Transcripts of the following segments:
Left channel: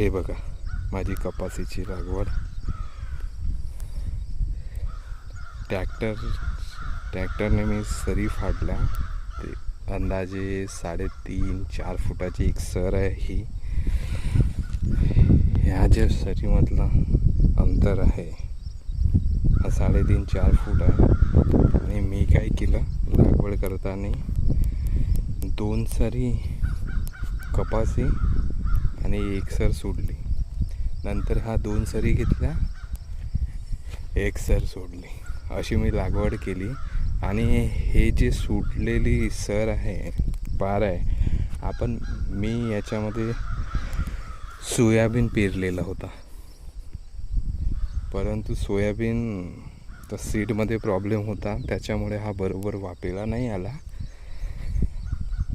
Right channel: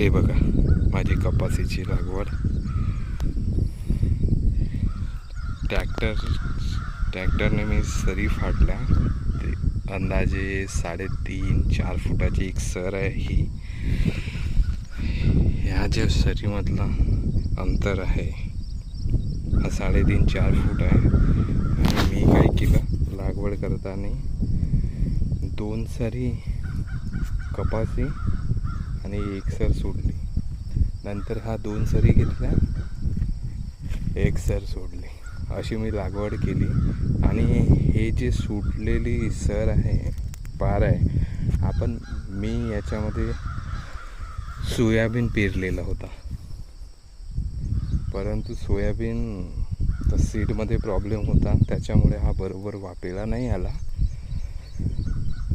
हे बघा माझी कपासीची लागवड. ट्रॅक्टरने मी सरी फाडल्या. ते अंदाजे 3.5-4 फुटाची एक सर आहे ही. ह्या ज्या सरीमधला अंतर आहे हा 3.5-4 फूट आहे. आणि मी काय केलं, लागवड करताना 2 सरी कपासी आणि 1 सर सोडली. नंतर हा 2 सरी घेतल्या, 1 सर सोडली, अशी मी लागवड केली. आणि हे जे सुटलेली सर आहे, पार आहे, मी याच्यामध्ये सोयाबीन पेरलेला होता. परंतु सोयाबीन तर सीडमध्ये प्रॉब्लेम होता, त्याच्यामुळे हा बरोबर वापेला नाही आला.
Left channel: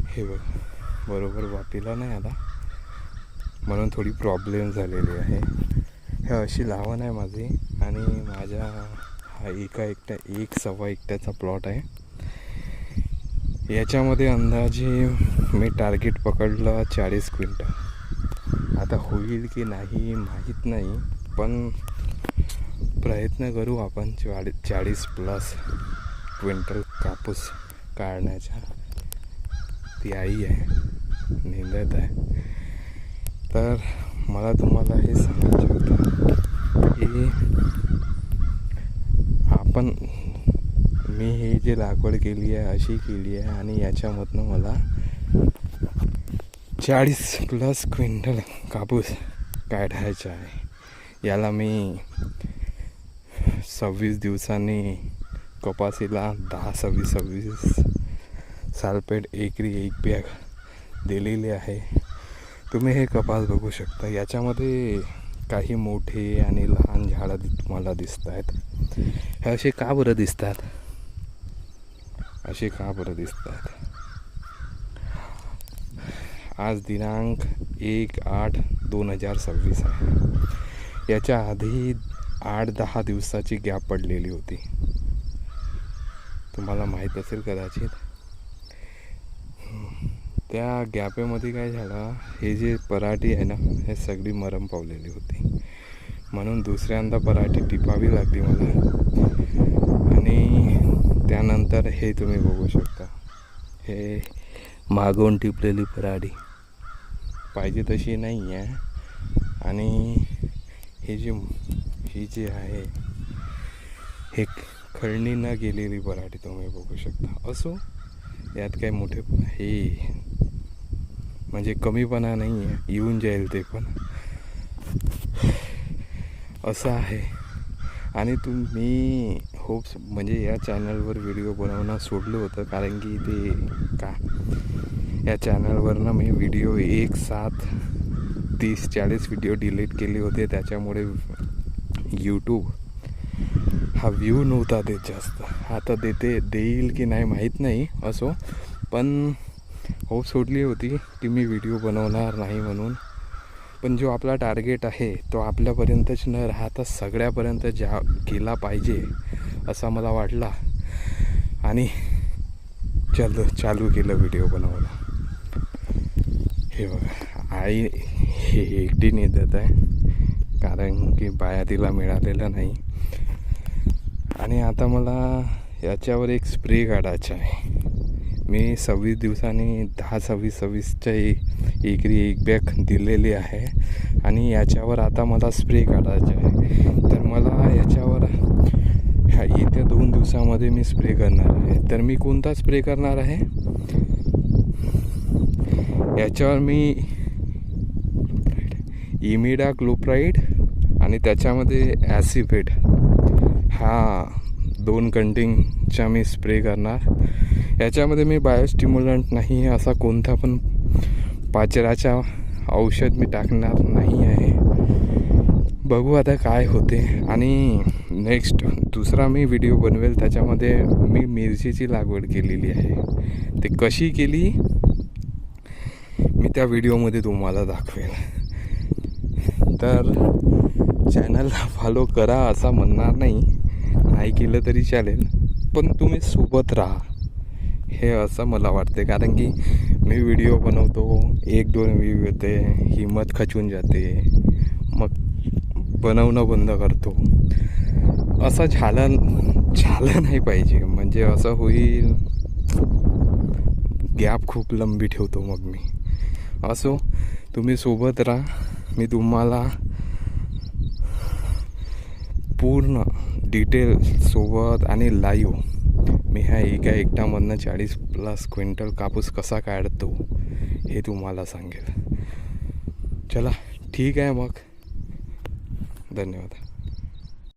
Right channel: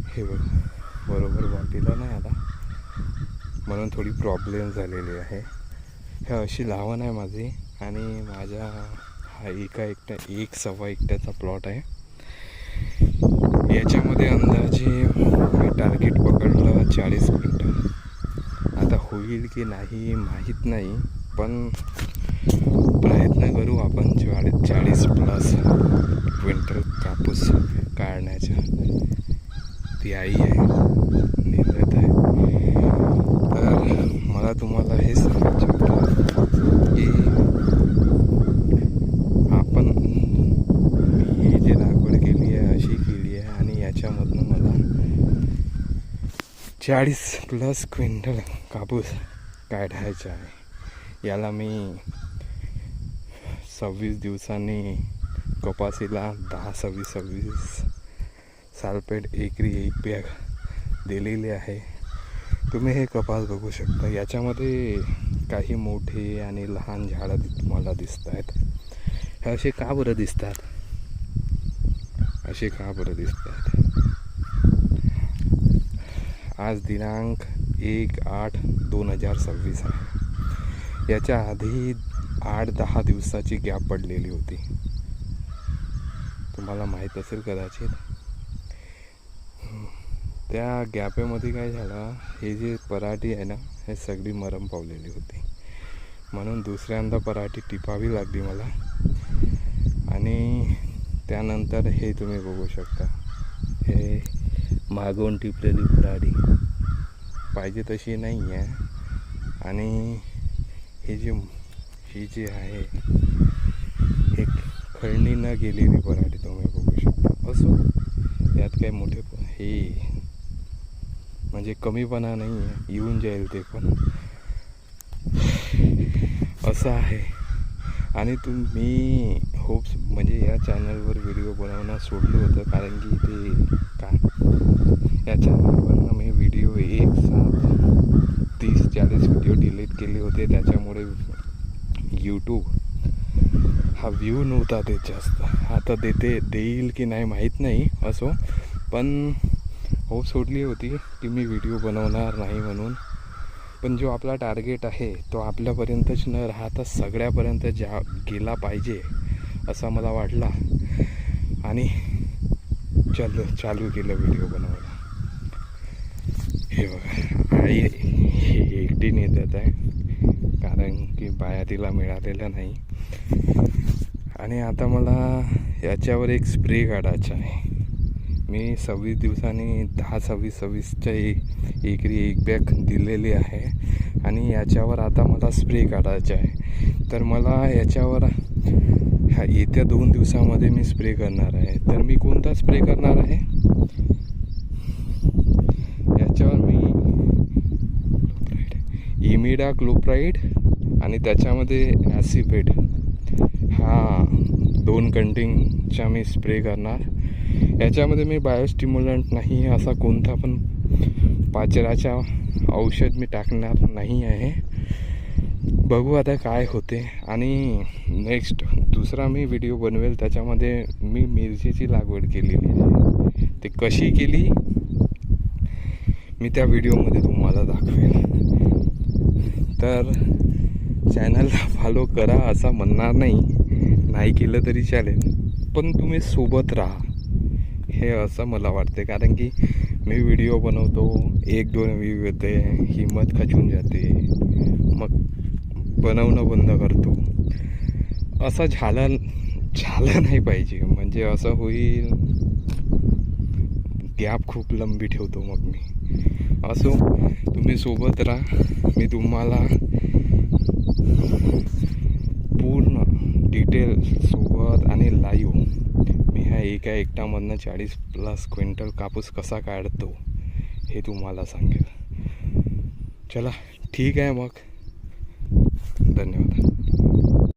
हे बघ, बरोबर वापेला नाही आला, म्हणून थोडी प्रॉब्लेम झालेली आहे. हे अशी लावण आहे माझी. आणि माझा हा 1.25 एकट्याचा प्लॉट आहे. याच्यामध्ये अंदाजे मी टार्गेट पकडलं 40 क्विंटल. आता होईल की नाही माहीत नाही, पण प्रयत्न करू आपण 40+ क्विंटल कापूस काढण्याचा. ती आई आहे, निंदत आहे. तर मला तुम्हाला हे सांगायचं होतं की मी ही जी लागवड केली आहे अशी केली आहे, आणि याच्यामधनं मला 40+ क्विंटल कापूस काढायचा आहे. याला मी 26 दिवसांनी कपासीला 10-26 सालपेट एकरी 1 बॅग दिलेली आहे. तुम्ही हे कपास बघू शकता. याच्यामध्ये काही मोठे आणि लहान झाडं तुम्हाला दिसत आहेत. हे असे का बरं दिसतात? आज दिनांक 1/8/2026 आहे. याच्या आधी 8-10 दिवसाची गॅप पडलेली होती, तुम्हाला माहीत असेल कदाचित. त्या गॅपेमध्ये काय झालं, हे जे पराठी आहे ना, हे सगळी मरम पावलेली होती. म्हणून दुसऱ्यांदा पराठी टिपावी लागली मला. आणि त्यानंतर हे तुम्ही बघू शकता, हे मागून टिपलेली पराठी पाहिजे तशी नाही आहे. आणि हे जे आहे हे खळणी न गेलेली पराठी तुम्ही बघू शकता. असो, यात काही मोठे हे म्हणजे कमीपणा नाही आहे, येऊन जाईल ते पण, असं आहे. आणि तुम्ही म्हणजे या चॅनलवर व्हिडिओ बनवणं सोडलं होतं, कारण की या चॅनलवरनं मी व्हिडिओ एक साथ 30-40 व्हिडिओ डिलीट केले होते. त्याच्यामुळे यूट्यूब हा व्ह्यू नव्हता देत जास्त. आता देईल की नाही माहीत नाही. असो, पण सोडली होती की मी व्हिडिओ बनवणार नाही म्हणून. पण जो आपला टार्गेट आहे तो आपल्यापर्यंतच न राहता सगळ्यापर्यंत गेला पाहिजे असा मला वाटला, आणि चालू केलं व्हिडिओ बनवायला. हे बघा, आई हे एकटी नेत आहे, कारण की बाया तिला मिळालेला नाही. आणि आता मला याच्यावर एक स्प्रे काढायचा आहे. मी 26 दिवसांनी 10-26-26च्या एकरी 1 बॅग दिलेली आहे. आणि याच्यावर आता मला स्प्रे काढायचा आहे. तर मला याच्यावर येत्या 2 दिवसामध्ये मी स्प्रे करणार आहे. तर मी कोणता स्प्रे करणार आहे, याच्यावर मी इमिडाक्लोप्राइड आणि त्याच्यामध्ये ॲसिफेट हा 2 कंटेनचा मी स्प्रे करणार. याच्यामध्ये मी बायोस्टिम्युलंट नाही, असा कोणता पण पाचराचा औषध मी टाकणार नाही आहे. बघू आता काय होते. आणि नेक्स्ट दुसरा मी व्हिडिओ बनवेल, त्याच्यामध्ये मी मिरचीची लागवड केलेली आहे. ते कशी केली मी त्या व्हिडिओमध्ये तुम्हाला दाखवेल. तर चॅनलला फॉलो करा असं म्हणणार नाही केलं तरी चालेल, पण तुम्ही सोबत राहा, हे असं मला वाटते. कारण की मी व्हिडिओ बनवतो, 1-2 व्ह्यू येते, हिंमत खचून जाते, मग बनवणं बंद करतो. असं झालं नाही पाहिजे. म्हणजे असं होईल, गॅप खूप लंबी ठेवतो मग मी. असो, तुम्ही सोबत राहा. मी तुम्हाला पूर्ण डिटेल सोबत आणि लाईव्ह मी ह्या एकट्यामधनं 40+ क्विंटल कापूस कसा काढतो हे तुम्हाला सांगेल. चला ठीक आहे मग, धन्यवाद.